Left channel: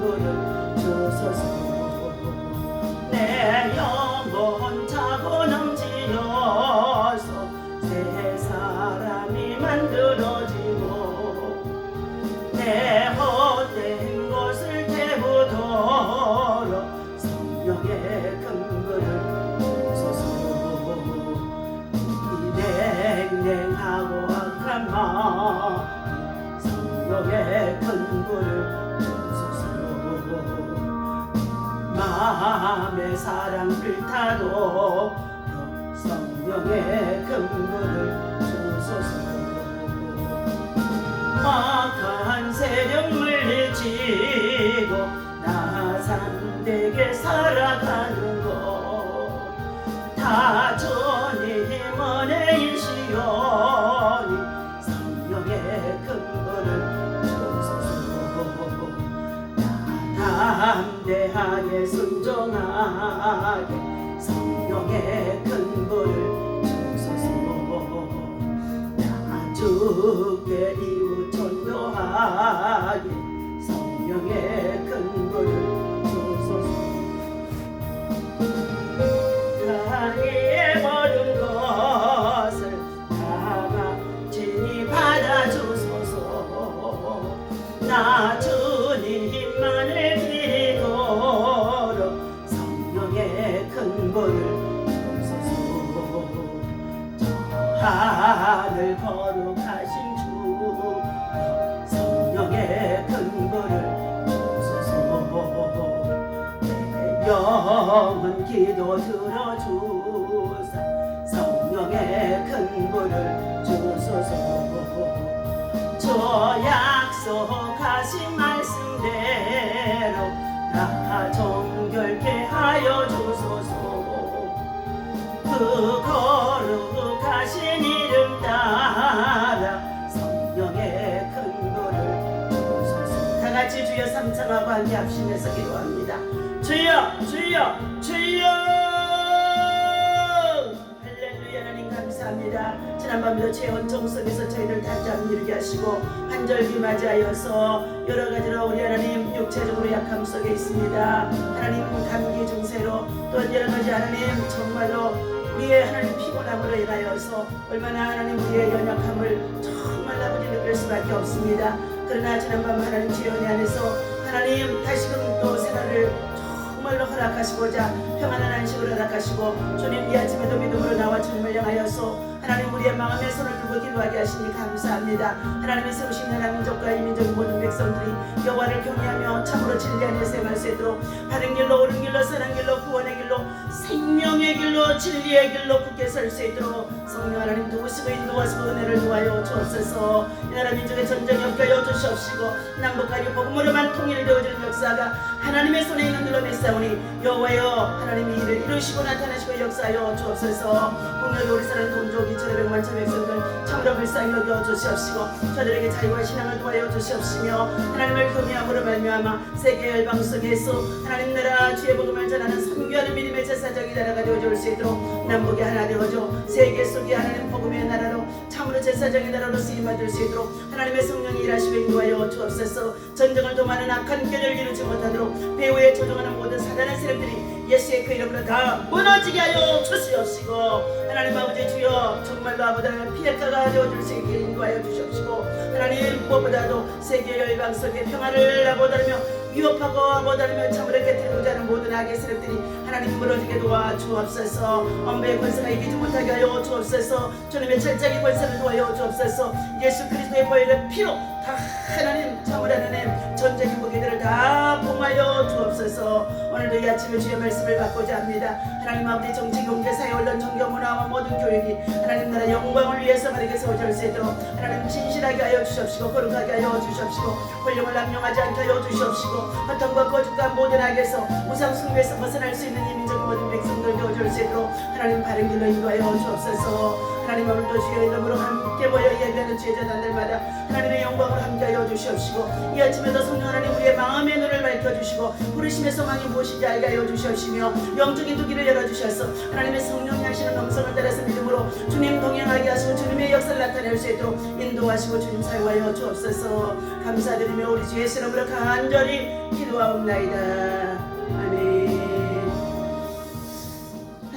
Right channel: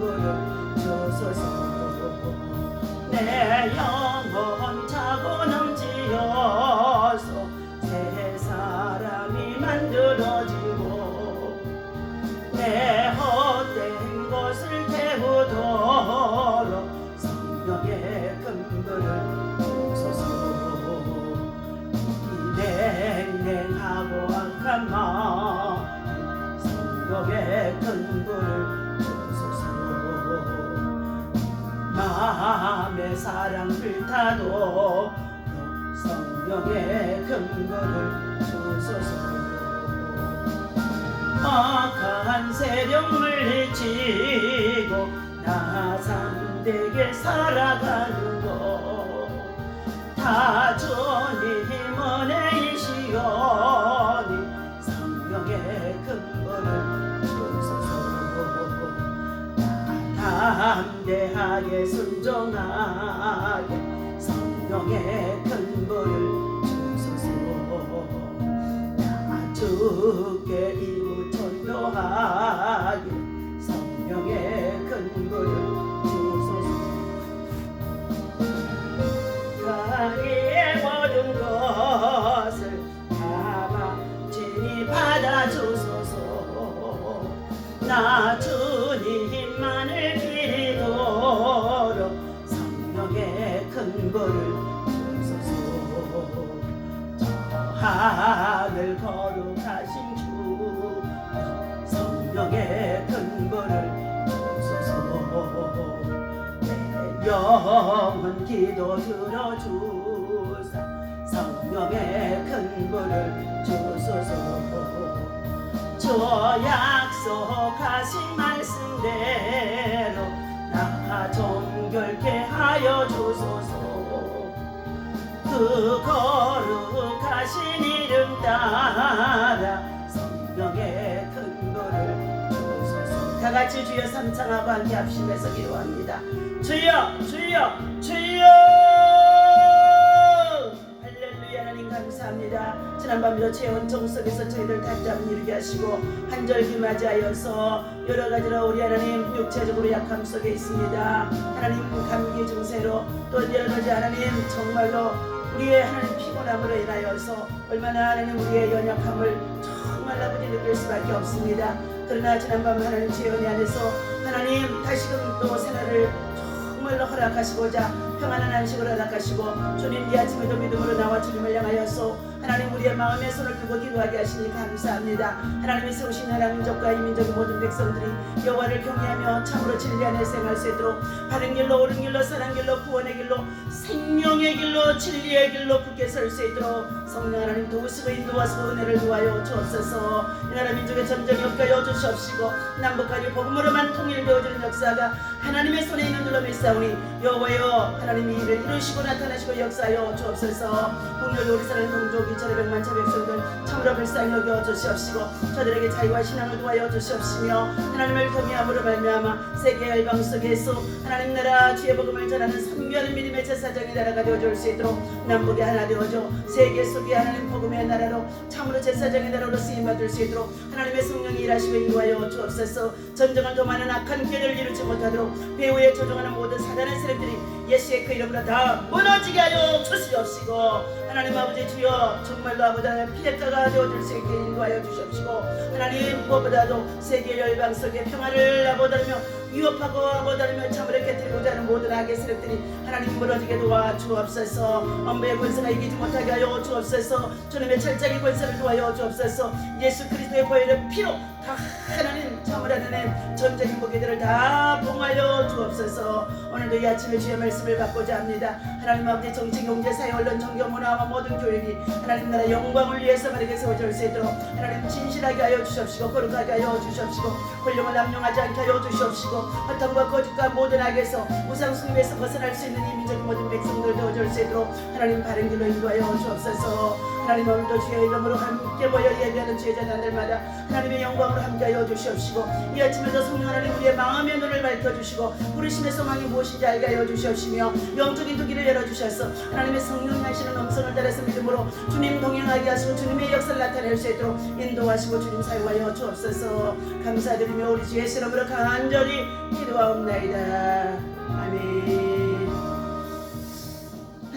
불을 주소서. 내 영혼 차고 넘치어서 새 사람이 만들어지고 내 헛된 것을 태우도록 성령의 큰 불을 주소서. 이 냉랭하고 악한 마음 성령의 큰 불을 주소서. 마음의 사랑 불타도록 성령의 큰 불을 주소서. 막한 세력 물리치고 나 잠되게 살아가는 것 다 주님 은혜이시오니 성령의 큰 불을 주소서. 나 담대하게 순종하게 성령의 큰 불을 주소서. 나 주께 이웃 전도하게 성령의 큰 불을 주소서. 나의 모든 것을 다 진히 받아주소서. 나 주님만을 기도록 성령의 큰 불을 주소서. 저 하늘 거룩하신 주 성령의 큰 불을 주소서. 내 영혼 기도 들어주사 성령의 큰 불을 주소서. 저 약속하신 말씀대로 나 정결케 하여 주소서. 그 거룩하신 이름 따라 성령의 큰 불을 주소서. 다같이 주여 삼창하고 함께 합심해서 기도합니다. 주여 주여 주여. 할렐루야. 하나님 감사합니다. 지난밤부터 체온종 속에서 저희들 단잠 이루게 하시고 한절기 맞이하여서 여러가지로 우리 하나님 육체적으로 약함 속에 있습니다. 하나님 감기 증세로 또 여러가지 하나님 정말로 우리의 하나님 피곤함으로 인하여서 얼마나 하나님 우리의 연약함을 정말 아버지 느낄 수밖에 없습니다. 그러나 지난밤 하나님 지연이 안에서 하나님 다시금 또 생활을 정말로 허락하시고자 평안한 안식을 허락하시고 주님 이 아침에도 믿음으로 나와 주님을 향하여서 하나님 우리의 마음에 손을 들고 기도하게 하시니 감사합니다. 하나님이 세우신 나라 민족과 이 민족의 모든 백성들이 여호와를 경외하며 참으로 진리 안에 생활할 수 있도록 바른 길로 옳은 길로 선한 길로 구원의 길로 생명의 길로 진리의 길로 굳게 설 수 있도록 성령 하나님 도우시고 인도하시고 은혜를 도하여 주옵소서. 이 나라 민족의 전쟁이 없게 하여 주시옵시고 남북한이 복음으로만 통일되어지는 역사가 하나님의 손에 있는 줄로 믿사오니 여호와여 하나님이 이를 이루시고 나타나시고 역사하여 주옵소서. 국력이 우리 사랑 동족이 천백만 천백성들 참으로 불쌍히 여겨 주시옵시고 저들에게 자유와 신앙을 도하여 주시옵시며 하나님을 경외함으로 말미암아 세계 열방 속에서 하나님 나라 주의 복음을 전하는 선교하는 믿음의 제사장이 나라가 되어줄 수 있도록 남북이 하나 되어줘 세계 속에 하나님 복음의 나라로 참으로 제사장의 나라로 쓰임받을 수 있도록 하나님의 성령이 일하시고 인도하여 주옵소서. 전쟁을 도모하는 악한 꾀를 이루지 못하도록 배후에 조종하는 모든 사단의 세력들이 예수의 그 이름으로 다 무너지게 하여 주시옵시고 하나님 아버지 주여 정말로 아버지의 피해가가 되어줄 수 있게 인도하여 주시옵시고 하나님 무엇보다도 세계 열방 속에 평화를 아버다르며 위협하고 아버다르며 참으로 깨뜨리고자 하는 모든 악의 세력들이 하나님 무너지게 도와 주옵소서. 엄부의 권세가 이기지 못하게 하여 주옵소서. 주님의 철장의 권세를 도하여 주옵소서. 예수 그리스도의 보혈의 피로 다 하나님 참으로 하나님 전쟁의 무기들을 다 봉하여 주옵소서. 오늘도 이 아침에 주의 말씀을 받고자 합니다. 하나님 아버지 정치 경제 사회 언론 종교 문화와 모든 교육이 하나님 나라 영광을 위해서 바르게 세워질 수 있도록 하나님 진실하게 하여 주시옵시고 거룩하게 하여 주시옵시고 권력을 남용하지 않게 하여 주시옵시고 허탕과 거짓과 모든 악에서 우상 숭배에서 벗어날 수 있는 이 민족의 모든 백성들 되어줄 수 있도록 하나님 바른 길로 인도하여 주옵소서. 하나님 오늘도 주의 이름으로 함께 모여 예배하는 제자단들마다 하나님의 영광으로 함께하여 주시옵시고 이 아침에도 성령 하나님 우리의 마음의 눈을 밝혀주시고 부르심의 소망이 무엇인지 알게 하여 주시옵시며 영적인 두기를 열어주셔서 하나님의 성령이 하시는 음성을 따라서 믿음으로 주님 동행하게 하시고 주님의 역사를 나타낼 수 있도록 인도하시고 주님 사용하여 주옵소서. 감사드리며 우리 주 예수 이름으로 간절히 기도하옵나이다. 아멘.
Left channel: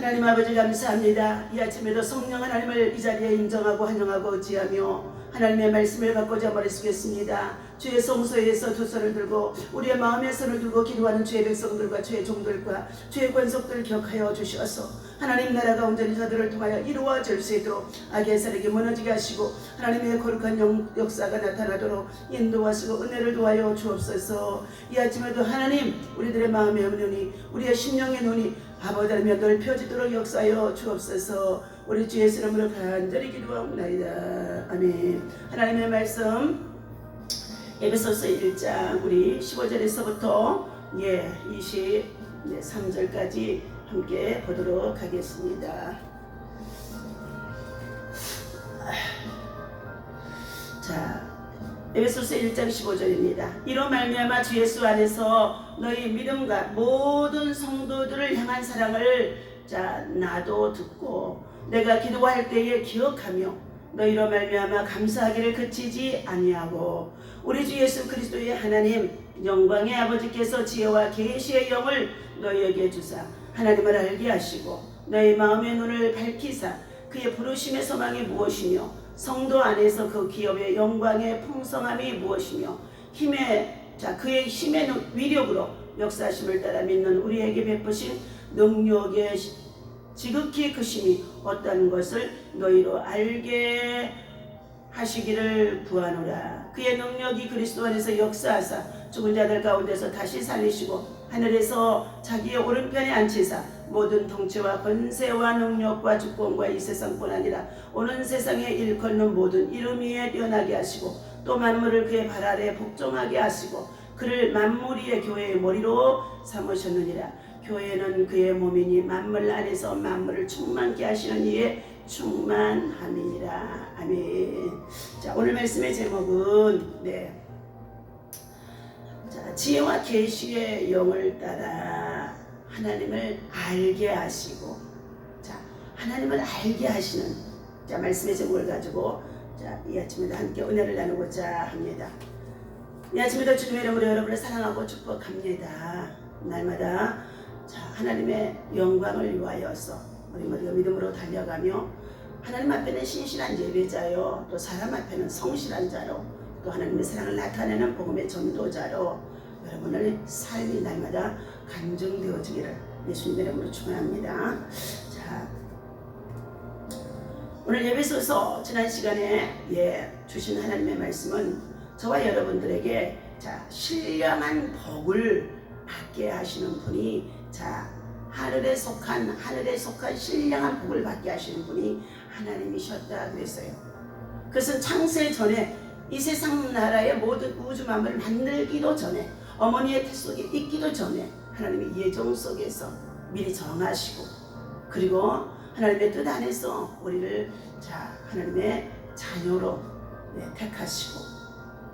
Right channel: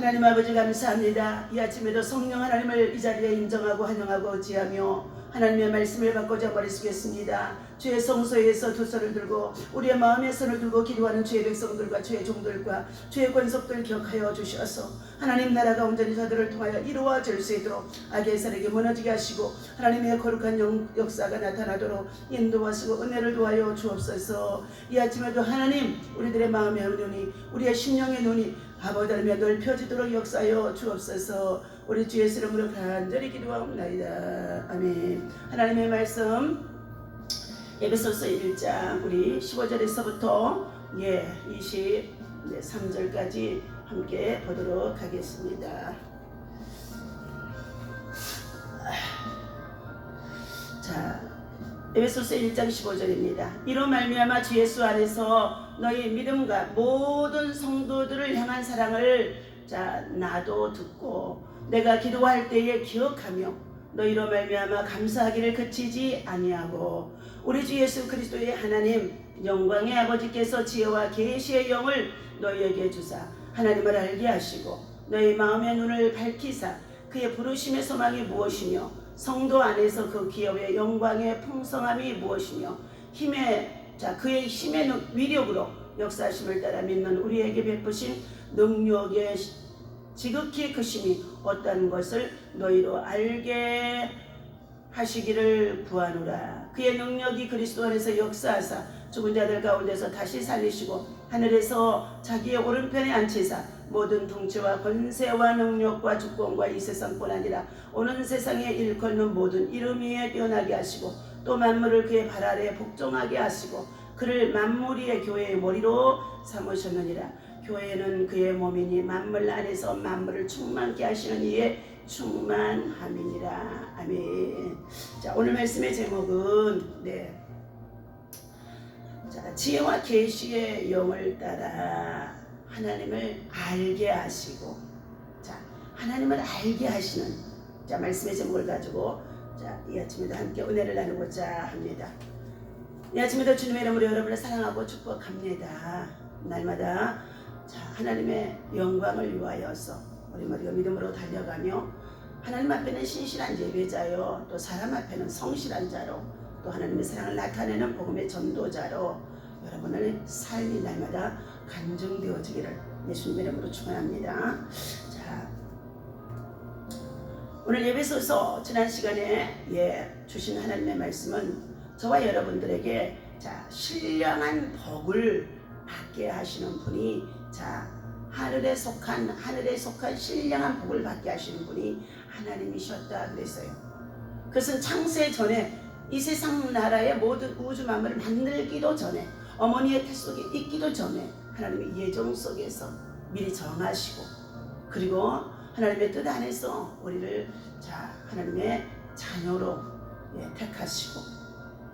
하나님 아버지 감사합니다. 이 아침에도 성령 하나님을 이 자리에 인정하고 환영하고 어찌하며 하나님의 말씀을 받고자 머리쓰겠습니다. 주의 성소에서 두 손을 들고 우리의 마음의 손을 들고 기도하는 주의 백성들과 주의 종들과 주의 권속들 기억하여 주셔서 하나님 나라가 온전히 저들을 통하여 이루어질 수 있도록 악의 세력이 무너지게 하시고 하나님의 거룩한 역사가 나타나도록 인도하시고 은혜를 도하여 주옵소서. 이 아침에도 하나님 우리들의 마음의 눈이 우리의 심령의 눈이 아버지라며 넓혀지도록 역사하여 주옵소서. 우리 주 예수 이름으로 간절히 기도하옵나이다. 아멘. 하나님의 말씀 에베소서 1장 우리 15절에서부터 23절까지 함께 보도록 하겠습니다. 자, 에베소서 1장 15절입니다. 이로 말미암아 주 예수 안에서 너희 믿음과 모든 성도들을 향한 사랑을 나도 듣고 내가 기도할 때에 기억하며 너희로 말미암아 감사하기를 그치지 아니하고 우리 주 예수 그리스도의 하나님 영광의 아버지께서 지혜와 계시의 영을 너희에게 주사 하나님을 알게 하시고 너희 마음의 눈을 밝히사 그의 부르심의 소망이 무엇이며 성도 안에서 그 기업의 영광의 풍성함이 무엇이며 그의 힘의 위력으로 역사하심을 따라 믿는 우리에게 베푸신 능력의 지극히 크심이 어떤 것을 너희로 알게 하시기를 구하노라. 그의 능력이 그리스도 안에서 역사하사 죽은 자들 가운데서 다시 살리시고 하늘에서 자기의 오른편에 앉히사 모든 통치와 권세와 능력과 주권과 이 세상뿐 아니라 오는 세상에 일컫는 모든 이름 위에 뛰어나게 하시고 또 만물을 그의 발 아래 복종하게 하시고 그를 만물 위의 교회의 머리로 삼으셨느니라. 교회는 그의 몸이니 만물 안에서 만물을 충만케 하시는 이의 충만함이니라. 아멘. 자, 오늘 말씀의 제목은 지혜와 계시의 영을 따라 하나님을 알게 하시고 하나님을 알게 하시는 말씀의 제목을 가지고 이 아침에도 함께 은혜를 나누고자 합니다. 이 아침에도 주님의 이름으로 여러분을 사랑하고 축복합니다. 날마다 하나님의 영광을 위하여서 우리 모두가 믿음으로 달려가며 하나님 앞에는 신실한 예배자요 또 사람 앞에는 성실한 자로 또 하나님의 사랑을 나타내는 복음의 전도자로 여러분의 삶이 날마다 간증되어지기를 예수님의 이름으로 축원합니다. 자, 오늘 예배소서 지난 시간에 주신 하나님의 말씀은 저와 여러분들에게 신령한 복을 받게 하시는 분이 하늘에 속한 신령한 복을 받게 하시는 분이 하나님이셨다 그랬어요. 그것은 창세 전에 이 세상 나라의 모든 우주 만물을 만들기도 전에 어머니의 태 속에 있기도 전에 하나님의 예정 속에서 미리 정하시고 그리고 하나님의 뜻 안에서 우리를 하나님의 자녀로 택하시고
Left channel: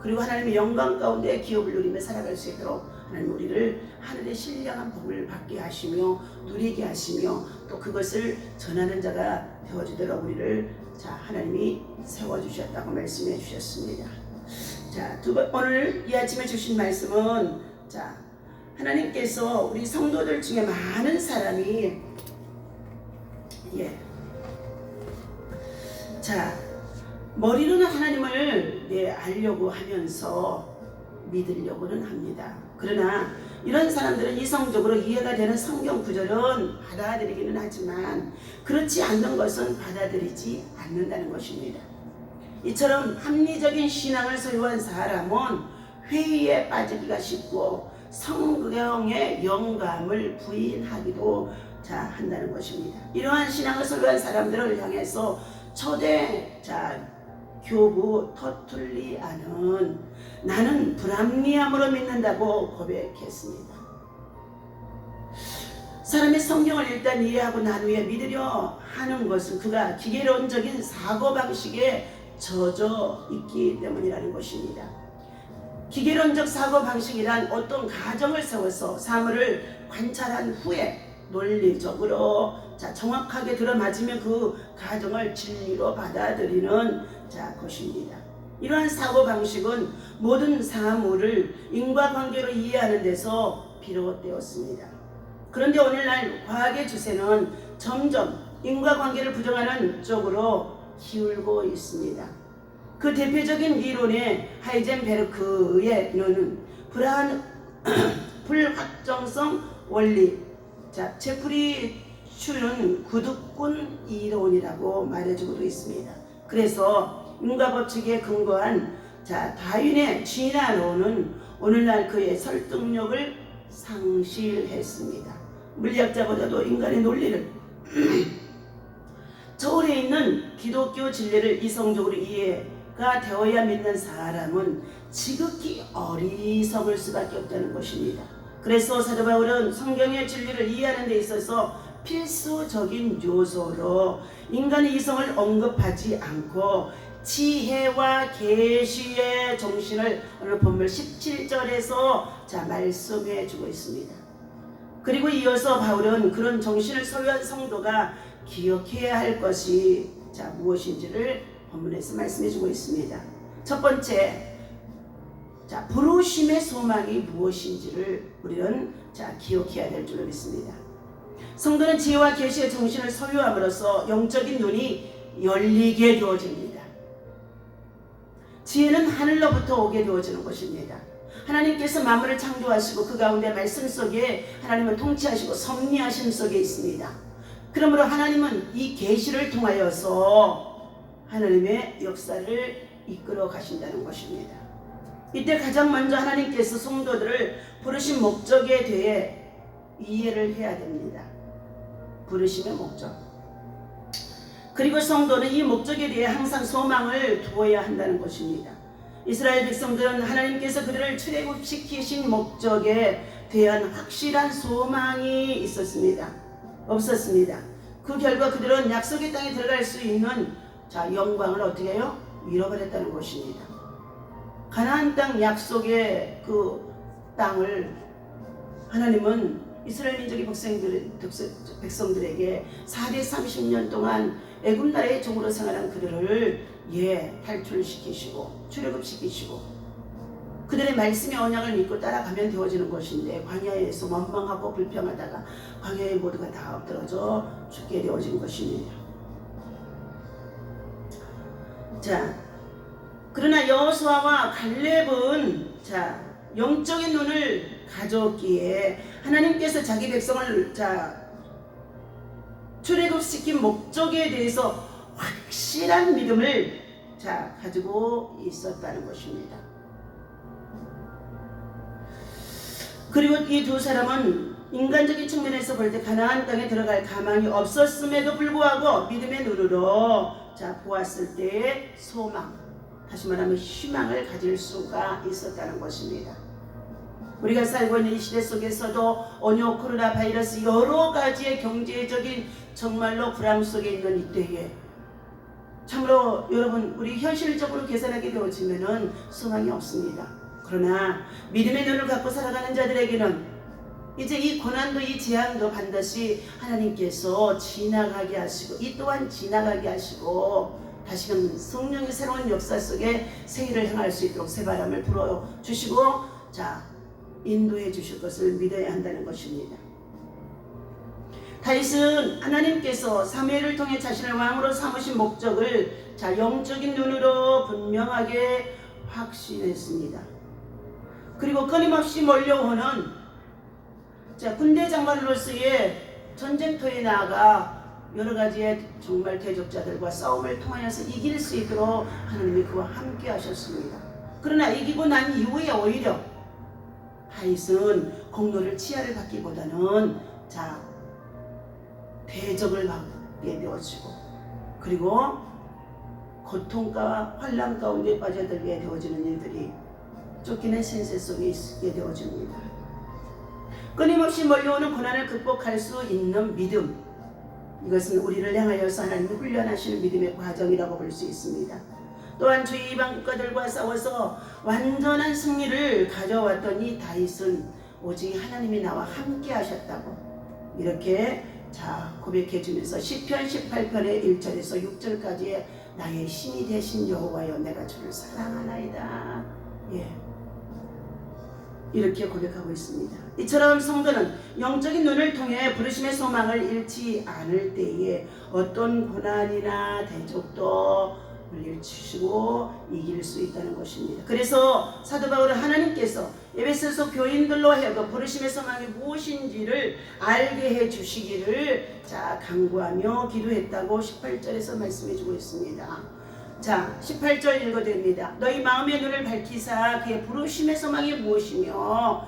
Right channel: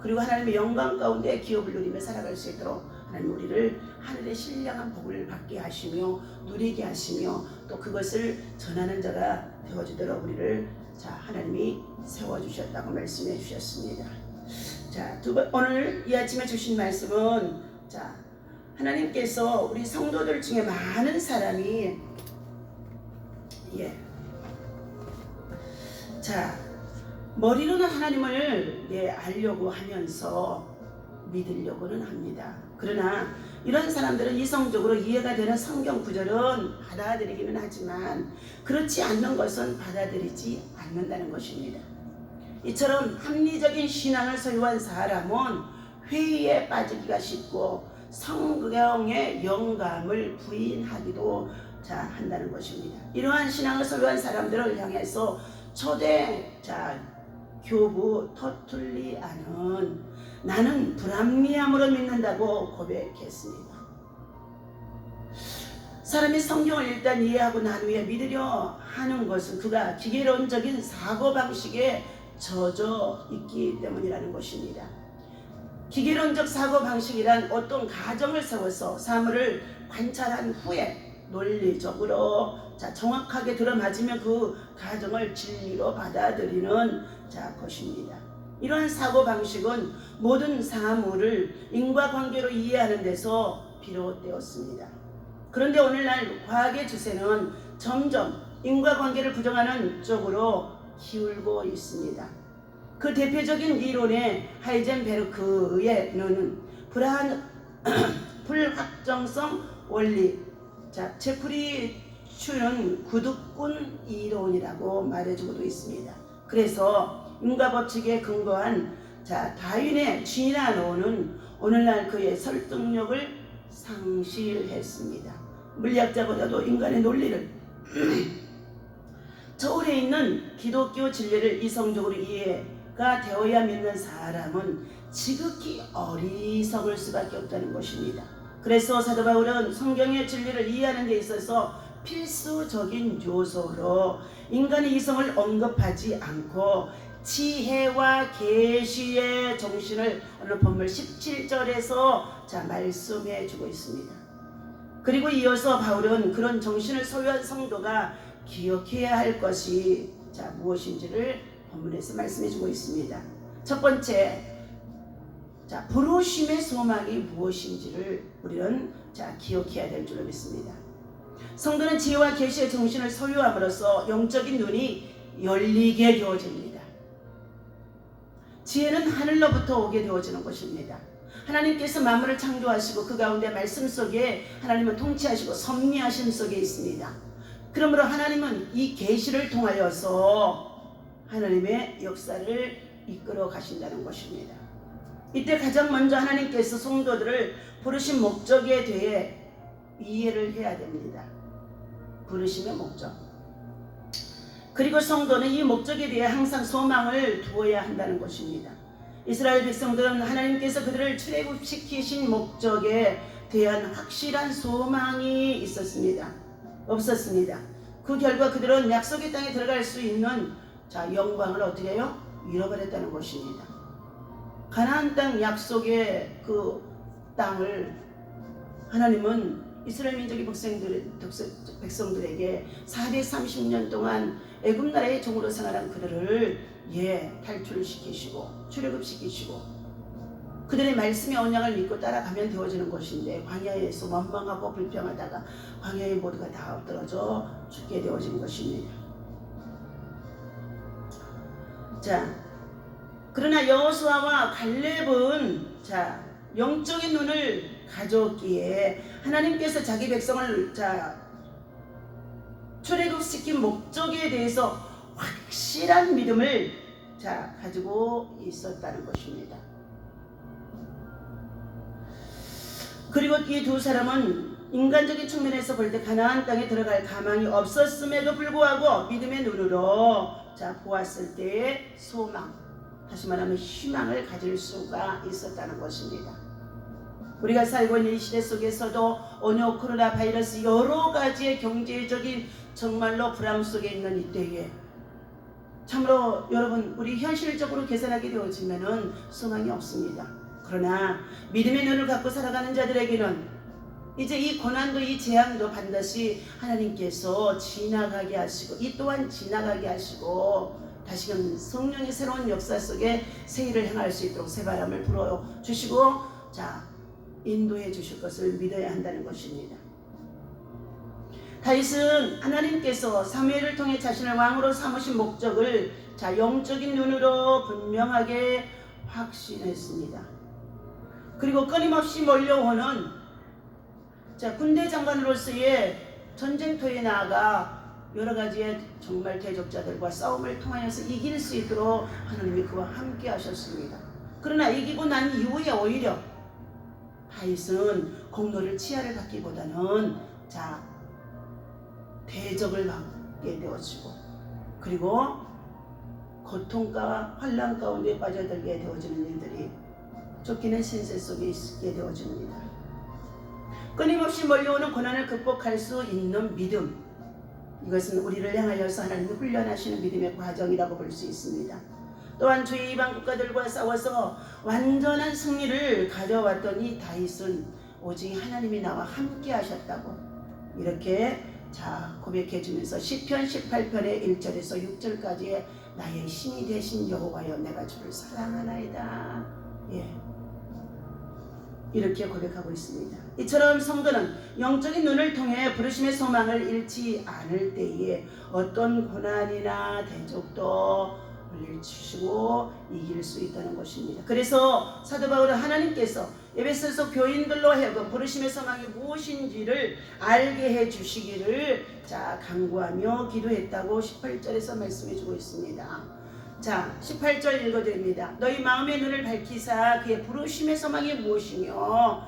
그리고 하나님의 영광 가운데 기업을 누리며 살아갈 수 있도록 하나님 우리를 하늘의 신령한 복을 받게 하시며 누리게 하시며 또 그것을 전하는 자가 되어주도록 우리를 하나님이 세워주셨다고 말씀해 주셨습니다. 오늘 이 아침에 주신 말씀은 하나님께서 우리 성도들 중에 많은 사람이 머리로는 하나님을 알려고 하면서 믿으려고는 합니다. 그러나 이런 사람들은 이성적으로 이해가 되는 성경 구절은 받아들이기는 하지만 그렇지 않는 것은 받아들이지 않는다는 것입니다. 이처럼 합리적인 신앙을 소유한 사람은 회의에 빠지기가 쉽고 성경의 영감을 부인하기도 한다는 것입니다. 이러한 신앙을 소유한 사람들을 향해서 초대 교부 터툴리아는 나는 불합리함으로 믿는다고 고백했습니다. 사람이 성경을 일단 이해하고 난 후에 믿으려 하는 것은 그가 기계론적인 사고방식에 젖어 있기 때문이라는 것입니다. 기계론적 사고방식이란 어떤 가정을 세워서 사물을 관찰한 후에 논리적으로 정확하게 들어맞으면 그 가정을 진리로 받아들이는 것입니다. 이러한 사고방식은 모든 사물을 인과관계로 이해하는 데서 비롯되었습니다. 그런데 오늘날 과학의 추세는 점점 인과관계를 부정하는 쪽으로 기울고 있습니다. 그 대표적인 이론의 하이젠베르크에는 불확정성 원리, 제프리 츄는 구두꾼 이론이라고 말해주고도 있습니다. 그래서 인과법칙에 근거한 다윈의 진화론은 오늘날 그의 설득력을 상실했습니다. 물리학자보다도 인간의 논리를 저울에 있는 기독교 진리를 이성적으로 이해가 되어야 믿는 사람은 지극히 어리석을 수밖에 없다는 것입니다. 그래서 사도 바울은 성경의 진리를 이해하는 데 있어서 필수적인 요소로 인간의 이성을 언급하지 않고 지혜와 계시의 정신을 오늘 본문 17절에서 말씀해 주고 있습니다. 그리고 이어서 바울은 그런 정신을 소유한 성도가 기억해야 할 것이 무엇인지를 본문에서 말씀해 주고 있습니다. 첫 번째, 부르심의 소망이 무엇인지를 우리는 기억해야 될 줄로 믿습니다. 성도는 지혜와 계시의 정신을 소유함으로써 영적인 눈이 열리게 되어집니다. 지혜는 하늘로부터 오게 되어지는 것입니다. 하나님께서 만물을 창조하시고 그 가운데 말씀 속에 하나님은 통치하시고 섭리하심 속에 있습니다. 그러므로 하나님은 이 계시를 통하여서 하나님의 역사를 이끌어 가신다는 것입니다. 이때 가장 먼저 하나님께서 성도들을 부르신 목적에 대해 이해를 해야 됩니다. 부르심의 목적. 그리고 성도는 이 목적에 대해 항상 소망을 두어야 한다는 것입니다. 이스라엘 백성들은 하나님께서 그들을 출애굽시키신 목적에 대한 확실한 소망이 없었습니다. 그 결과 그들은 약속의 땅에 들어갈 수 있는 영광을 어떻게 해요? 잃어버렸다는 것입니다. 가나안 땅 약속의 그 땅을 하나님은 이스라엘 민족의 백성들에게 430년 동안 애굽 나라의 종으로 생활한 그들을 탈출시키시고 출애굽시키시고 그들의 말씀의 언약을 믿고 따라가면 되어지는 것인데 광야에서 원망하고 불평하다가 광야에 모두가 다 엎드러져 죽게 되어진 것입니다. 그러나 여호수아와 갈렙은 영적인 눈을 가졌기에 하나님께서 자기 백성을 출애굽시킨 목적에 대해서 확실한 믿음을 가지고 있었다는 것입니다. 그리고 이 두 사람은 인간적인 측면에서 볼 때 가나안 땅에 들어갈 가망이 없었음에도 불구하고 믿음의 눈으로 보았을 때의 소망, 다시 말하면 희망을 가질 수가 있었다는 것입니다. 우리가 살고 있는 이 시대 속에서도 언어, 코로나 바이러스 여러 가지의 경제적인 정말로 불안 속에 있는 이때에 참으로 여러분 우리 현실적으로 계산하게 되어지면은 소망이 없습니다. 그러나 믿음의 눈을 갖고 살아가는 자들에게는 이제 이 고난도 이 재앙도 반드시 하나님께서 지나가게 하시고 이 또한 지나가게 하시고 다시금 성령의 새로운 역사 속에 새 일을 행할 수 있도록 새바람을 불어주시고 인도해 주실 것을 믿어야 한다는 것입니다. 다윗은 하나님께서 사무엘을 통해 자신을 왕으로 삼으신 목적을 영적인 눈으로 분명하게 확신했습니다. 그리고 끊임없이 몰려오는 군대 장관으로서의 전쟁터에 나아가 여러 가지의 정말 대적자들과 싸움을 통하여서 이길 수 있도록 하나님이 그와 함께 하셨습니다. 그러나 이기고 난 이후에 오히려 다윗은 공로를 치하를 받기보다는 대적을 받게 되어지고 그리고 고통과 환난 가운데 빠져들게 되어지는 일들이 쫓기는 신세 속에 있게 되어집니다. 끊임없이 몰려오는 고난을 극복할 수 있는 믿음, 이것은 우리를 향하여서 하나님이 훈련하시는 믿음의 과정이라고 볼 수 있습니다. 또한 주의 이방 국가들과 싸워서 완전한 승리를 가져왔던 이 다윗은 오직 하나님이 나와 함께 하셨다고 이렇게 고백해 주면서 시편 18편의 1절에서 6절까지의 나의 신이 되신 여호와여 내가 주를 사랑하나이다. 이렇게 고백하고 있습니다. 이처럼 성도는 영적인 눈을 통해 부르심의 소망을 잃지 않을 때에 어떤 고난이나 대적도 물리치시고 이길 수 있다는 것입니다. 그래서 사도 바울은 하나님께서 에베소서 교인들로 하여금 부르심의 소망이 무엇인지를 알게 해주시기를 간구하며 기도했다고 18절에서 말씀해 주고 있습니다. 18절 읽어드립니다. 너희 마음의 눈을 밝히사 그의 부르심의 소망이 무엇이며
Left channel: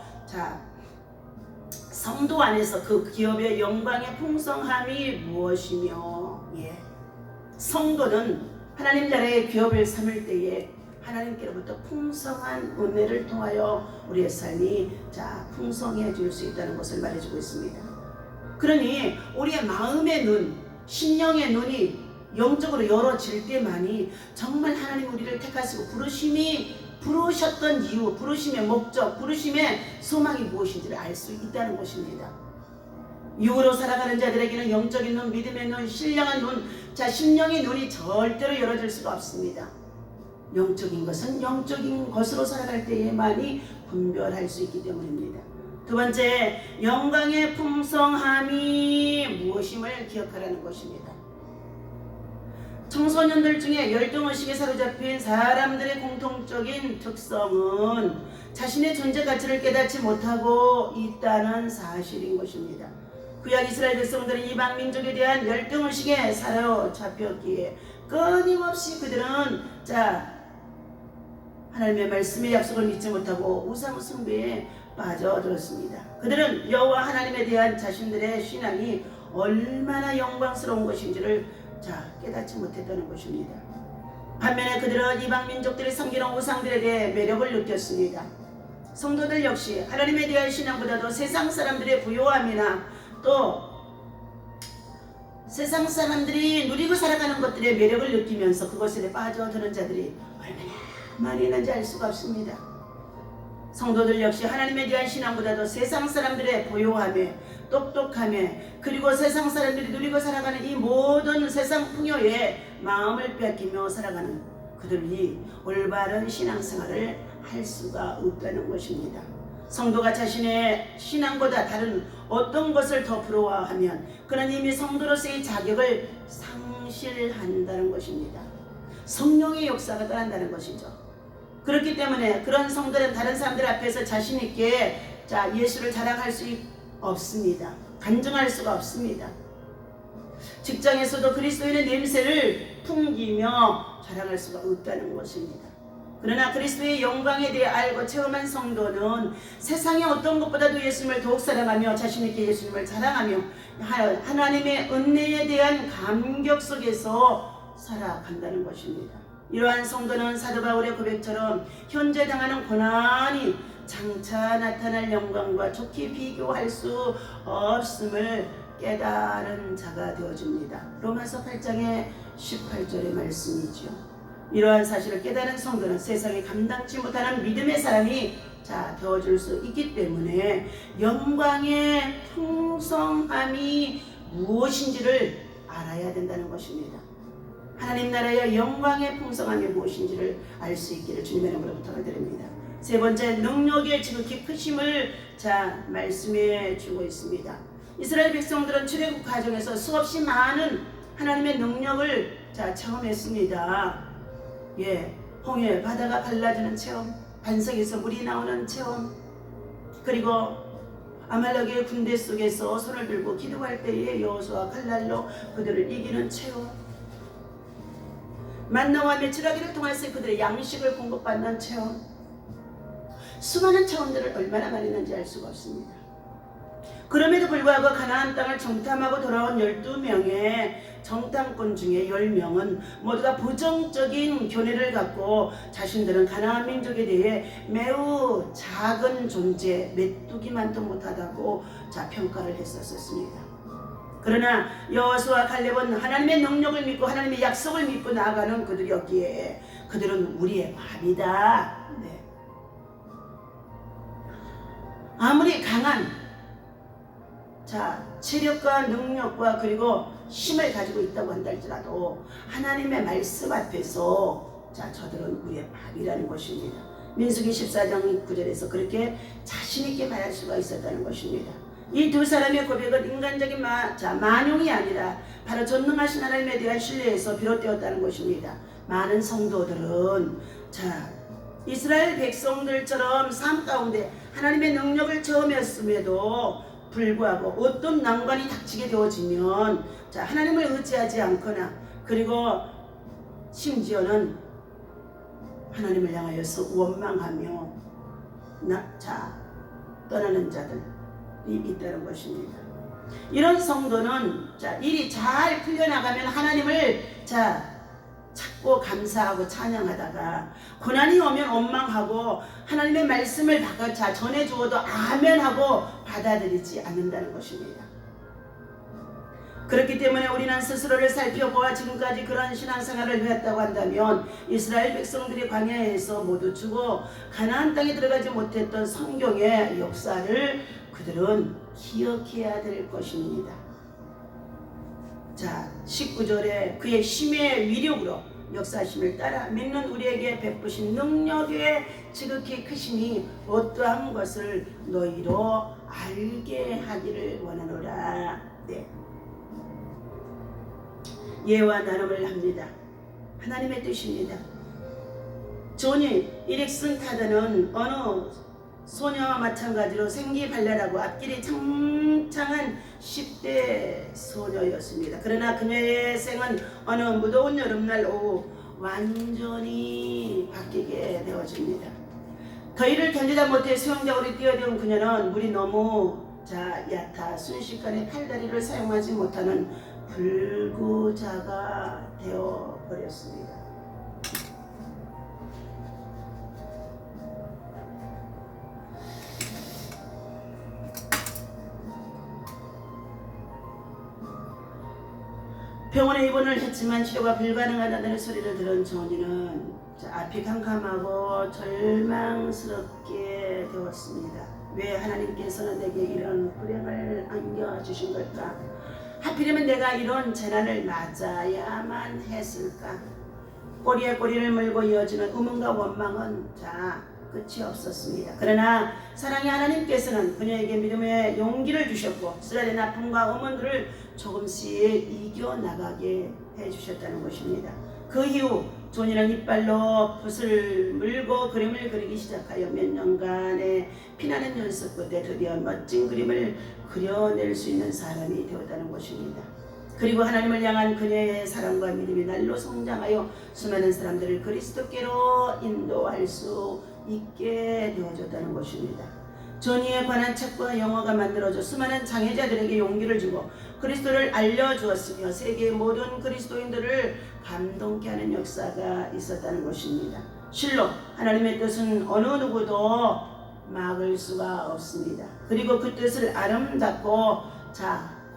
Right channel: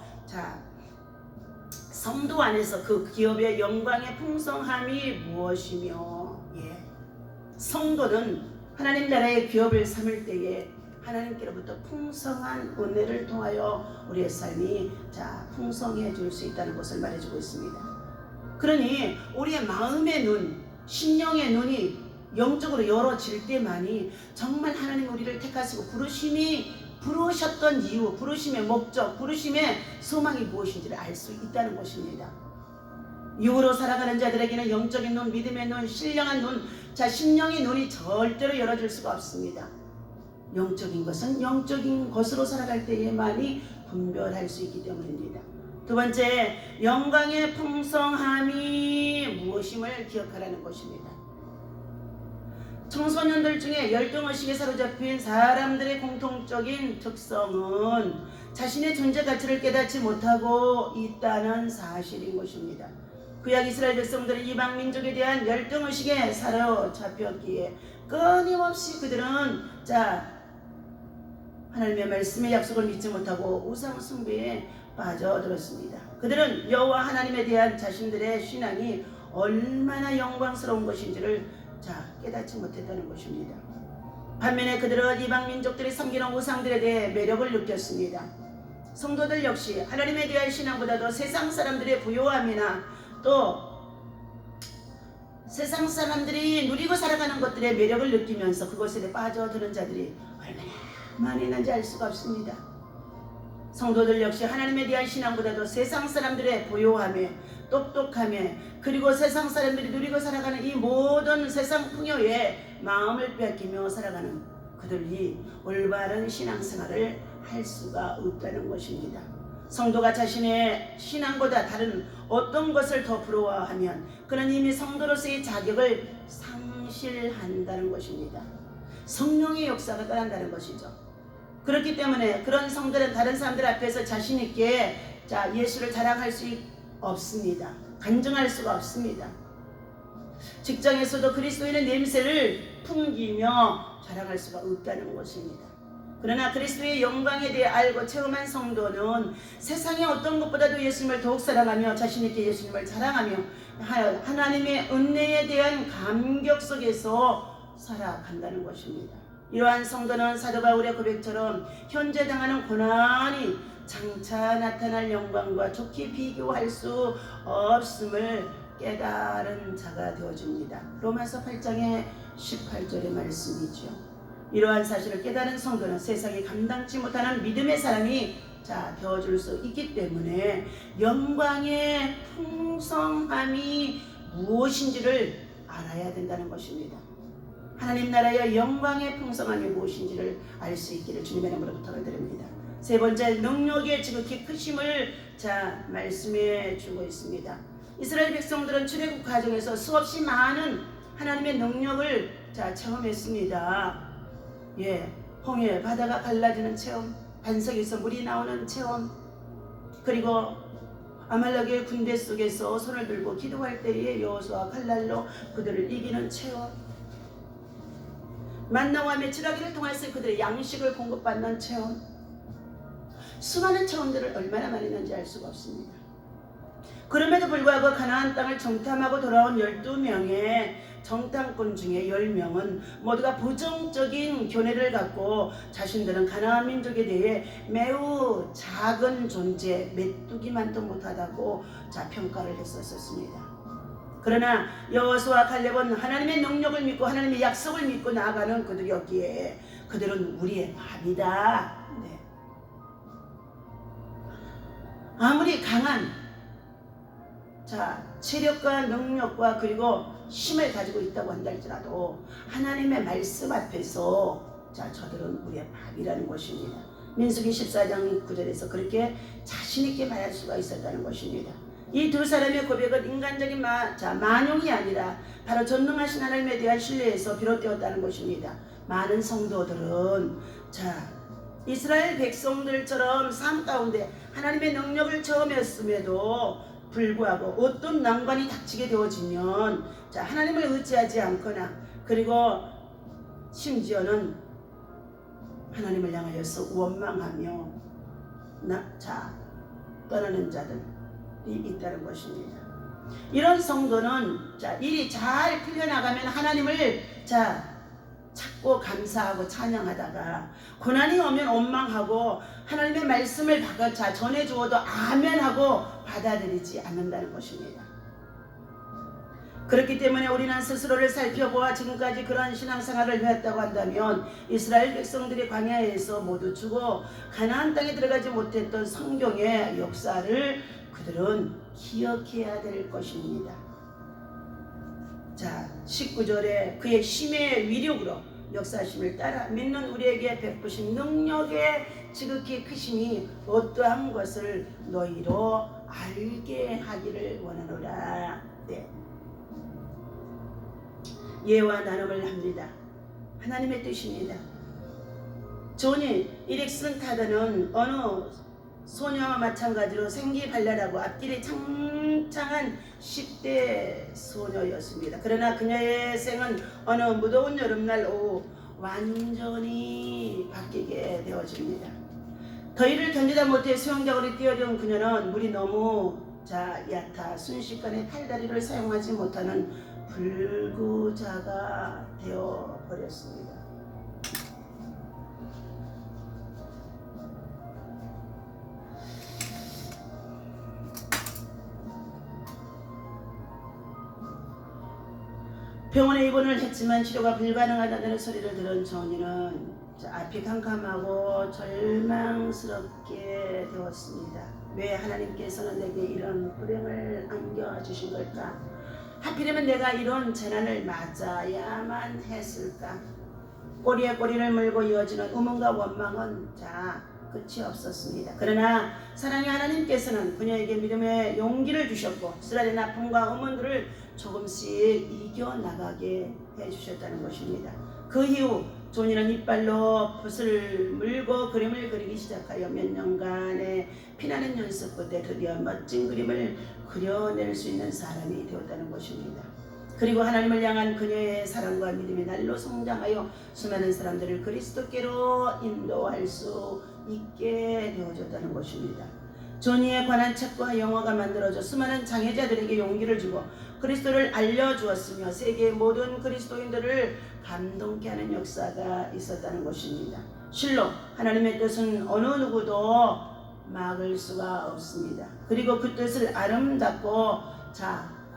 성도 안에서 그 기업의 영광의 풍성함이 무엇이며 성도는 하나님 나라의 기업을 삼을 때에 하나님께로부터 풍성한 은혜를 통하여 우리의 삶이 풍성해질 수 있다는 것을 말해주고 있습니다. 그러니 우리의 마음의 눈, 심령의 눈이 영적으로 열어질 때만이 정말 하나님 우리를 택하시고 부르셨던 이유, 부르심의 목적, 부르심의 소망이 무엇인지를 알 수 있다는 것입니다. 육으로 살아가는 자들에게는 영적인 눈, 믿음의 눈, 신령한 눈, 심령의 눈이 절대로 열어질 수가 없습니다. 영적인 것은 영적인 것으로 살아갈 때에만이 분별할 수 있기 때문입니다. 두 번째, 영광의 풍성함이 무엇임을 기억하라는 것입니다. 청소년들 중에 열등의식에 사로잡힌 사람들의 공통적인 특성은 자신의 존재 가치를 깨닫지 못하고 있다는 사실인 것입니다. 구약 이스라엘 백성들은 이방 민족에 대한 열등의식에 사로잡혔기에 끊임없이 그들은 하나님의 말씀의 약속을 믿지 못하고 우상 숭배에 빠져들었습니다. 그들은 여호와 하나님에 대한 자신들의 신앙이 얼마나 영광스러운 것인지를 깨닫지 못했다는 것입니다. 반면에 그들은 이방 민족들이 섬기는 우상들에 대해 매력을 느꼈습니다. 성도들 역시 하나님에 대한 신앙보다도 세상 사람들의 부요함이나 또 세상 사람들이 누리고 살아가는 것들의 매력을 느끼면서 그것에 빠져드는 자들이 얼마나 많이 있는지 알 수가 없습니다. 성도들 역시 하나님에 대한 신앙보다도 세상 사람들의 부요함에 똑똑함에 그리고 세상 사람들이 누리고 살아가는 이 모든 세상 풍요에 마음을 뺏기며 살아가는 그들이 올바른 신앙생활을 할 수가 없다는 것입니다. 성도가 자신의 신앙보다 다른 어떤 것을 더 부러워하면 그는 이미 성도로서의 자격을 상실한다는 것입니다. 성령의 역사가 떠난다는 것이죠. 그렇기 때문에 그런 성들은 다른 사람들 앞에서 자신 있게 예수를 자랑할 수 없습니다. 간증할 수가 없습니다. 직장에서도 그리스도인의 냄새를 풍기며 자랑할 수가 없다는 것입니다. 그러나 그리스도의 영광에 대해 알고 체험한 성도는 세상의 어떤 것보다도 예수님을 더욱 사랑하며 자신 있게 예수님을 자랑하며 하나님의 은혜에 대한 감격 속에서 살아간다는 것입니다. 이러한 성도는 사도 바울의 고백처럼 현재 당하는 고난이 장차 나타날 영광과 좋게 비교할 수 없음을 깨달은 자가 되어줍니다. 로마서 8장의 18절의 말씀이죠. 이러한 사실을 깨달은 성도는 세상에 감당치 못하는 믿음의 사람이 되어줄 수 있기 때문에 영광의 풍성함이 무엇인지를 알아야 된다는 것입니다. 하나님 나라의 영광의 풍성함이 무엇인지를 알 수 있기를 주님의 이름으로 부탁드립니다. 세 번째, 능력의 지극히 크심을 말씀해 주고 있습니다. 이스라엘 백성들은 출애굽 과정에서 수없이 많은 하나님의 능력을 체험했습니다. 홍해 바다가 갈라지는 체험, 반석에서 물이 나오는 체험, 그리고 아말렉의 군대 속에서 손을 들고 기도할 때에 여호수아 칼날로 그들을 이기는 체험, 만나와 메추라기를 통해서 그들의 양식을 공급받는 체험, 수많은 체험들을 얼마나 많이 했는지 알 수가 없습니다. 그럼에도 불구하고 가나안 땅을 정탐하고 돌아온 12명의 정탐꾼 중에 10명은 모두가 부정적인 견해를 갖고 자신들은 가나안 민족에 대해 매우 작은 존재, 메뚜기만도 못하다고 평가를 했었습니다. 그러나 여호수아 갈렙은 하나님의 능력을 믿고 하나님의 약속을 믿고 나아가는 그들이었기에 그들은 우리의 밥이다. 네. 아무리 강한 체력과 능력과 그리고 힘을 가지고 있다고 한다 할지라도 하나님의 말씀 앞에서 저들은 우리의 밥이라는 것입니다. 민수기 14장 9절에서 그렇게 자신있게 말할 수가 있었다는 것입니다. 이 두 사람의 고백은 인간적인 만용이 아니라 바로 전능하신 하나님에 대한 신뢰에서 비롯되었다는 것입니다. 많은 성도들은 이스라엘 백성들처럼 삶 가운데 하나님의 능력을 체험했음에도 불구하고 어떤 난관이 닥치게 되어지면 하나님을 의지하지 않거나 그리고 심지어는 하나님을 향하여서 원망하며 떠나는 자들이 있다는 것입니다. 이런 성도는 일이 잘 풀려나가면 하나님을 찾고 감사하고 찬양하다가 고난이 오면 원망하고 하나님의 말씀을 전해 주어도 아멘하고 받아들이지 않는다는 것입니다. 그렇기 때문에 우리는 스스로를 살펴보아 지금까지 그런 신앙생활을 해왔다고 한다면 이스라엘 백성들이 광야에서 모두 죽어 가나안 땅에 들어가지 못했던 성경의 역사를 그들은 기억해야 될 것입니다. 19절에 그의 힘의 위력으로 역사심을 따라 믿는 우리에게 베푸신 능력의 지극히 크심이 어떠한 것을 너희로 알게 하기를 원하노라. 네. 예와 나눔을 합니다. 하나님의 뜻입니다. 조니 이릭슨 타드는 어느 소녀와 마찬가지로 생기발랄하고 앞길이 창창한 10대 소녀였습니다. 그러나 그녀의 생은 어느 무더운 여름날 오후 완전히 바뀌게 되어집니다. 더위를 견디다 못해 수영장으로 뛰어든 그녀는 물이 너무 얕아 순식간에 팔다리를 사용하지 못하는 불구자가 되어버렸습니다. 병원에 입원을 했지만 치료가 불가능하다는 소리를 들은 조니는 앞이 캄캄하고 절망스럽게 되었습니다. 왜 하나님께서는 내게 이런 불행을 안겨주신 걸까? 하필이면 내가 이런 재난을 맞아야만 했을까? 꼬리에 꼬리를 물고 이어지는 의문과 원망은 끝이 없었습니다. 그러나 사랑의 하나님께서는 그녀에게 믿음의 용기를 주셨고 쓰라린 아픔과 의문들을 조금씩 이겨나가게 해주셨다는 것입니다. 그 이후 조니는 이빨로 붓을 물고 그림을 그리기 시작하여 몇 년간의 피나는 연습 끝에 드디어 멋진 그림을 그려낼 수 있는 사람이 되었다는 것입니다. 그리고 하나님을 향한 그녀의 사랑과 믿음이 날로 성장하여 수많은 사람들을 그리스도께로 인도할 수 있게 되어졌다는 것입니다. 조니에 관한 책과 영화가 만들어져 수많은 장애자들에게 용기를 주고 그리스도를 알려주었으며 세계의 모든 그리스도인들을 감동케 하는 역사가 있었다는 것입니다. 실로 하나님의 뜻은 어느 누구도 막을 수가 없습니다. 그리고 그 뜻을 아름답고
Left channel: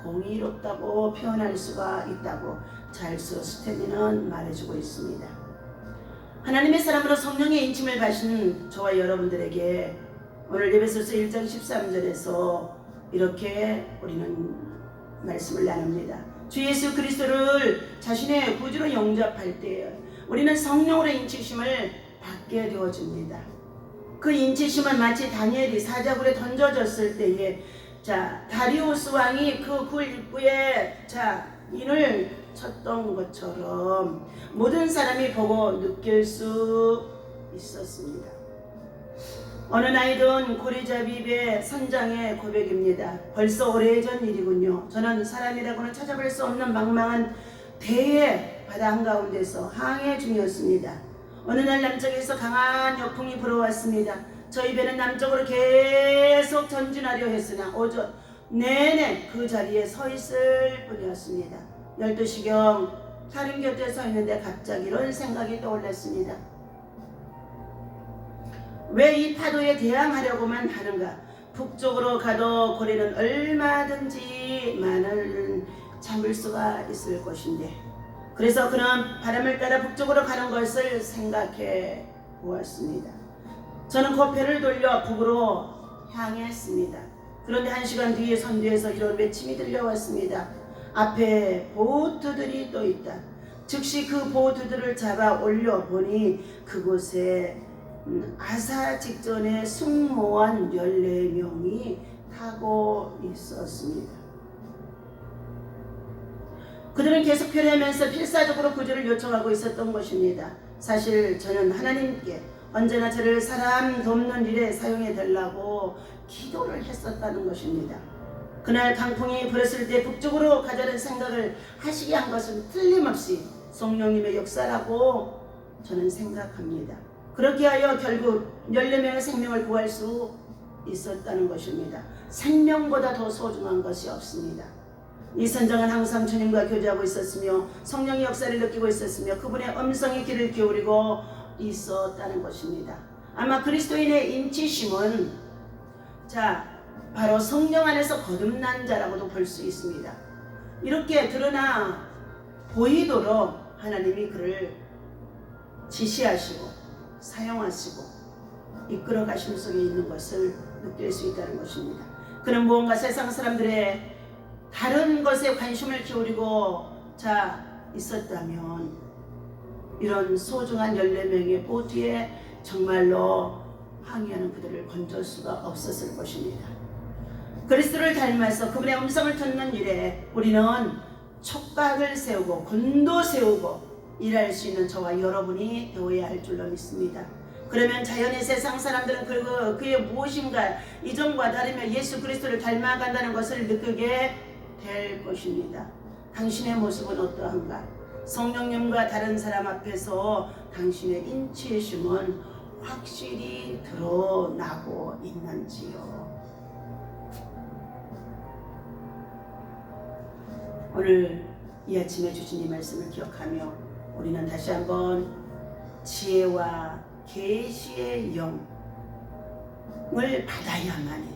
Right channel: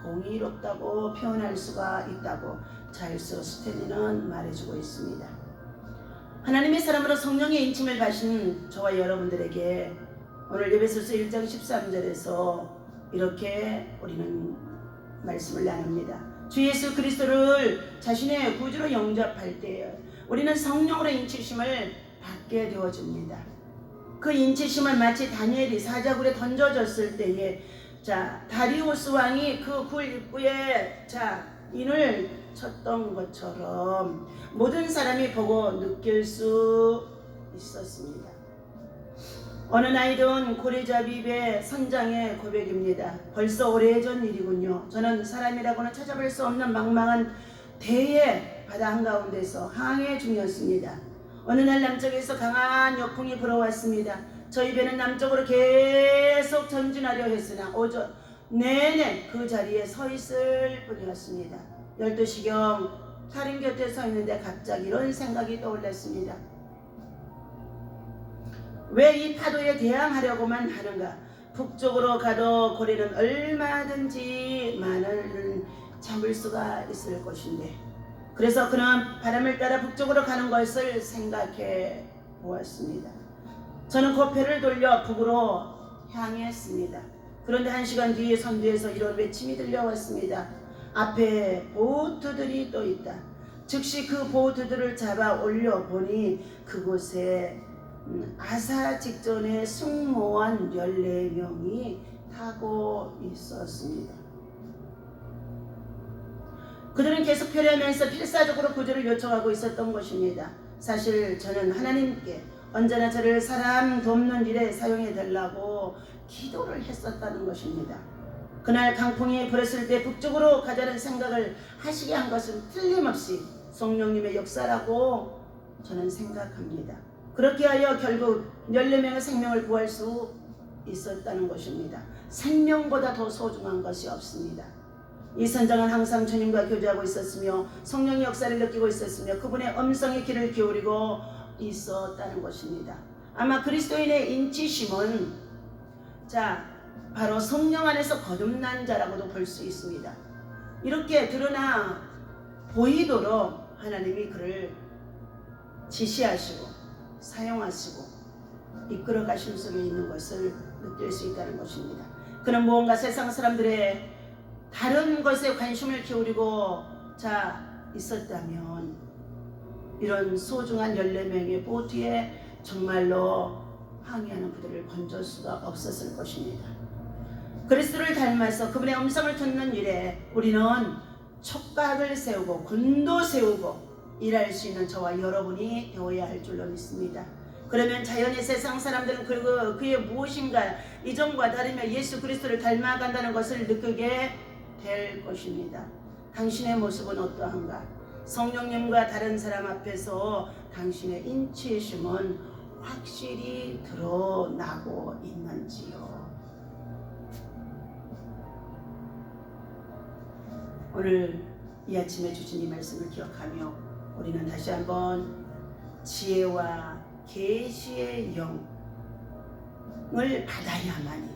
공의롭다고 표현할 수가 있다고 찰스 스탠리는 말해주고 있습니다. 하나님의 사람으로 성령의 인침을 받으신 저와 여러분들에게 오늘 에베소서 1장 13절에서 이렇게 우리는 말씀을 나눕니다. 주 예수 그리스도를 자신의 구주로 영접할 때 우리는 성령으로 인치심을 받게 되어집니다. 그 인치심을 마치 다니엘이 사자굴에 던져졌을 때에 다리우스 왕이 그 굴 입구에 인을 쳤던 것처럼 모든 사람이 보고 느낄 수 있었습니다. 어느 날이든 고리잡입의 선장의 고백입니다. 벌써 오래전 일이군요. 저는 사람이라고는 찾아볼 수 없는 망망한 대의 바다 한가운데서 항해 중이었습니다. 어느 날 남쪽에서 강한 역풍이 불어왔습니다. 저희 배는 남쪽으로 계속 전진하려 했으나 내내 그 자리에 서 있을 뿐이었습니다. 12시경 다른 곁에 서 있는데 갑자기 이런 생각이 떠올랐습니다. 왜 이 파도에 대항하려고만 하는가? 북쪽으로 가도 고래는 얼마든지 만을 잡을 수가 있을 것인데, 그래서 그는 바람을 따라 북쪽으로 가는 것을 생각해 보았습니다. 저는 고개를 돌려 북으로 향했습니다. 그런데 1시간 뒤에 선두에서 이런 외침이 들려왔습니다. 앞에 보트들이 또 있다. 즉시 그 보트들을 잡아 올려보니 그곳에 아사 직전에 승무원 14명이 타고 있었습니다. 그들은 계속 표류하면서 필사적으로 구조를 요청하고 있었던 것입니다. 사실 저는 하나님께 언제나 저를 사람 돕는 일에 사용해 달라고 기도를 했었다는 것입니다. 그날 강풍이 불었을 때 북쪽으로 가자는 생각을 하시게 한 것은 틀림없이 성령님의 역사라고 저는 생각합니다. 그렇게 하여 결국 14명의 생명을 구할 수 있었다는 것입니다. 생명보다 더 소중한 것이 없습니다. 이 선장은 항상 주님과 교제하고 있었으며 성령의 역사를 느끼고 있었으며 그분의 음성의 귀를 기울이고 있었다는 것입니다. 아마 그리스도인의 인치심은 바로 성령 안에서 거듭난 자라고도 볼 수 있습니다. 이렇게 드러나 보이도록 하나님이 그를 지시하시고 사용하시고 이끌어 가심 속에 있는 것을 느낄 수 있다는 것입니다. 그는 무언가 세상 사람들의 다른 것에 관심을 기울이고 있었다면 이런 소중한 14명의 보트에 정말로 항해하는 그들을 건질 수가 없었을 것입니다. 그리스도를 닮아서 그분의 음성을 듣는 일에 우리는 촉각을 세우고 군도 세우고 일할 수 있는 저와 여러분이 되어야 할 줄로 믿습니다. 그러면 자연의 세상 사람들은 그의 무엇인가 이전과 다르며 예수 그리스도를 닮아간다는 것을 느끼게 될 것입니다. 당신의 모습은 어떠한가? 성령님과 다른 사람 앞에서 당신의 인치심은 확실히 드러나고 있는지요? 오늘 이 아침에 주신 이 말씀을 기억하며 우리는 다시 한번 지혜와 계시의 영을 받아야만이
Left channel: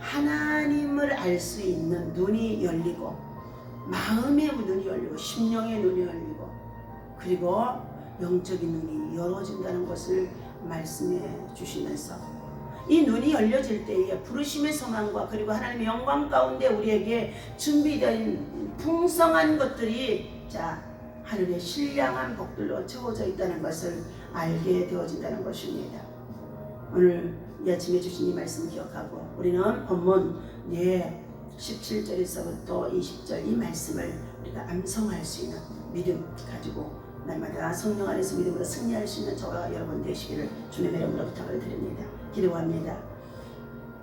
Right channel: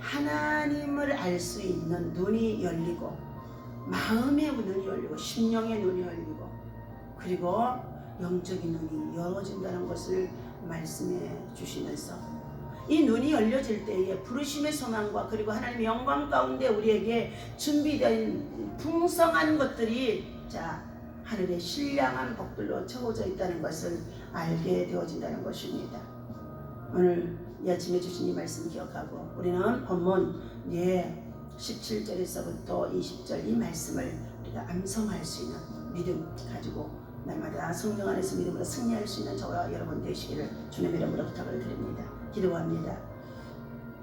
하나님을 알 수 있는 눈이 열리고 마음의 눈이 열리고 심령의 눈이 열리고 그리고 영적인 눈이 열어진다는 것을 말씀해 주시면서 이 눈이 열려질 때에 부르심의 소망과 그리고 하나님의 영광 가운데 우리에게 준비된 풍성한 것들이 하늘의 신령한 복들로 채워져 있다는 것을 알게 되어진다는 것입니다. 오늘 이 아침에 주신 이 말씀 기억하고 우리는 본문 17절에서부터 20절 이 말씀을 우리가 암송할 수 있는 믿음 가지고 날마다 성령 안에서 믿음으로 승리할 수 있는 저와 여러분 되시기를 주님의 이름으로 부탁을 드립니다. 기도합니다.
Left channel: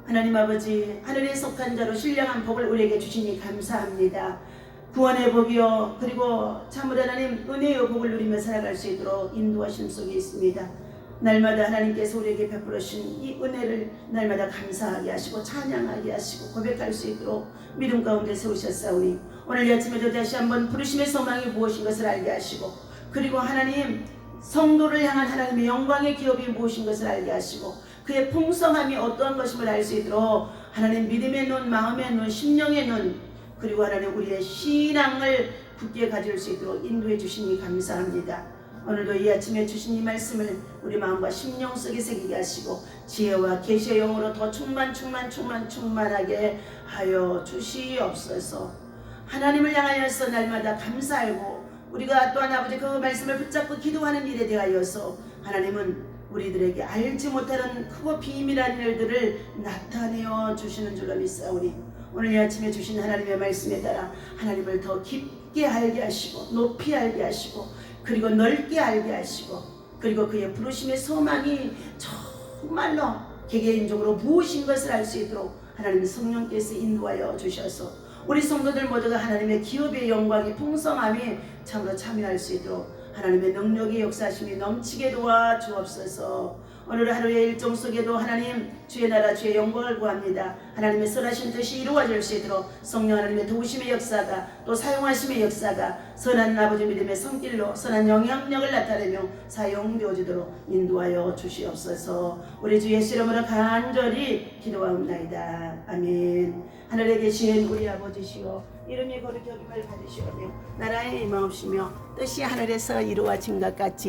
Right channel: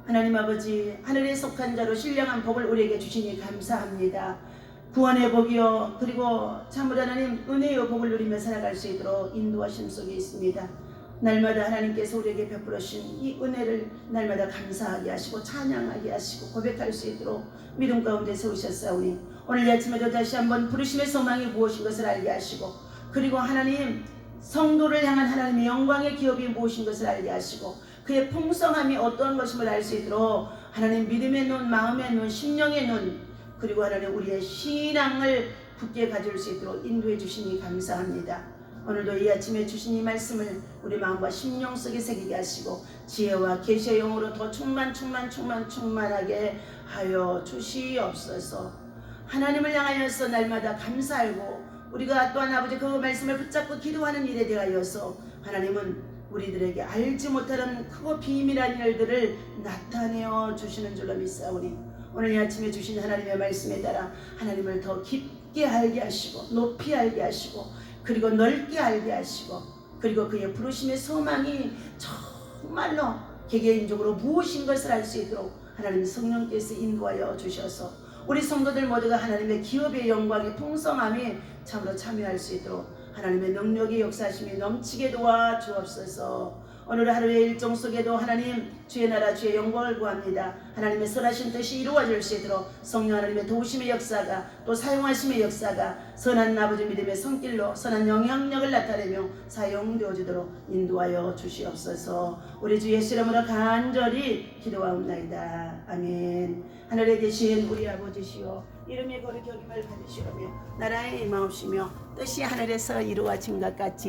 하나님 아버지, 하늘에 속한 자로 신령한 복을 우리에게 주시니 감사합니다. 구원의 복이요 그리고 참으로 하나님 은혜의 복을 누리며 살아갈 수 있도록 인도하심 속에 있습니다. 날마다 하나님께서 우리에게 베풀으신 이 은혜를 날마다 감사하게 하시고 찬양하게 하시고 고백할 수 있도록 믿음 가운데 세우셨사오니 오늘 이 아침에도 다시 한번 부르심의 소망이 무엇인 것을 알게 하시고 그리고 하나님 성도를 향한 하나님의 영광의 기업이 무엇인 것을 알게 하시고 그의 풍성함이 어떠한 것임을 알 수 있도록 하나님 믿음의 눈, 마음의 눈, 심령의 눈 그리고 하나님 우리의 신앙을 굳게 가질 수 있도록 인도해 주시니 감사합니다. 오늘도 이 아침에 주신 이 말씀을 우리 마음과 심령 속에 새기게 하시고 지혜와 계시의 영으로 더 충만하게 하여 주시옵소서. 하나님을 향하여서 날마다 감사하고 우리가 또한 아버지 그 말씀을 붙잡고 기도하는 일에 대하여서 하나님은 우리들에게 알지 못하는 크고 비밀한 일들을 나타내어 주시는 줄로 믿사오니 오늘 이 아침에 주신 하나님의 말씀에 따라 하나님을 더 깊게 알게 하시고 높이 알게 하시고 그리고 넓게 알게 하시고 그리고 그의 부르심의 소망이 정말로 개개인적으로 무엇인 것을 알 수 있도록 하나님 성령께서 인도하여 주셔서 우리 성도들 모두가 하나님의 기업의 영광의 풍성함이 참으로 참여할 수 있도록 하나님의 능력의 역사심이 넘치게 도와주옵소서. 오늘 하루의 일정 속에도 하나님 주의 나라 주의 영광을 구합니다. 하나님의 선하신 뜻이 이루어질 수 있도록 성령 하나님의 도우심의 역사가 또 사용하심의 역사가 선한 아버지 믿음의 손길로 선한 영향력을 나타내며 사용되어지도록 인도하여 주시옵소서. 우리 주 예수 이름으로 간절히 기도하옵나이다. 아멘. 하늘에 계신 우리 아버지시여 이름이 거룩히 여김을 받으시오며 나라의 임하옵시며 뜻이 하늘에서 이루어진 것 같이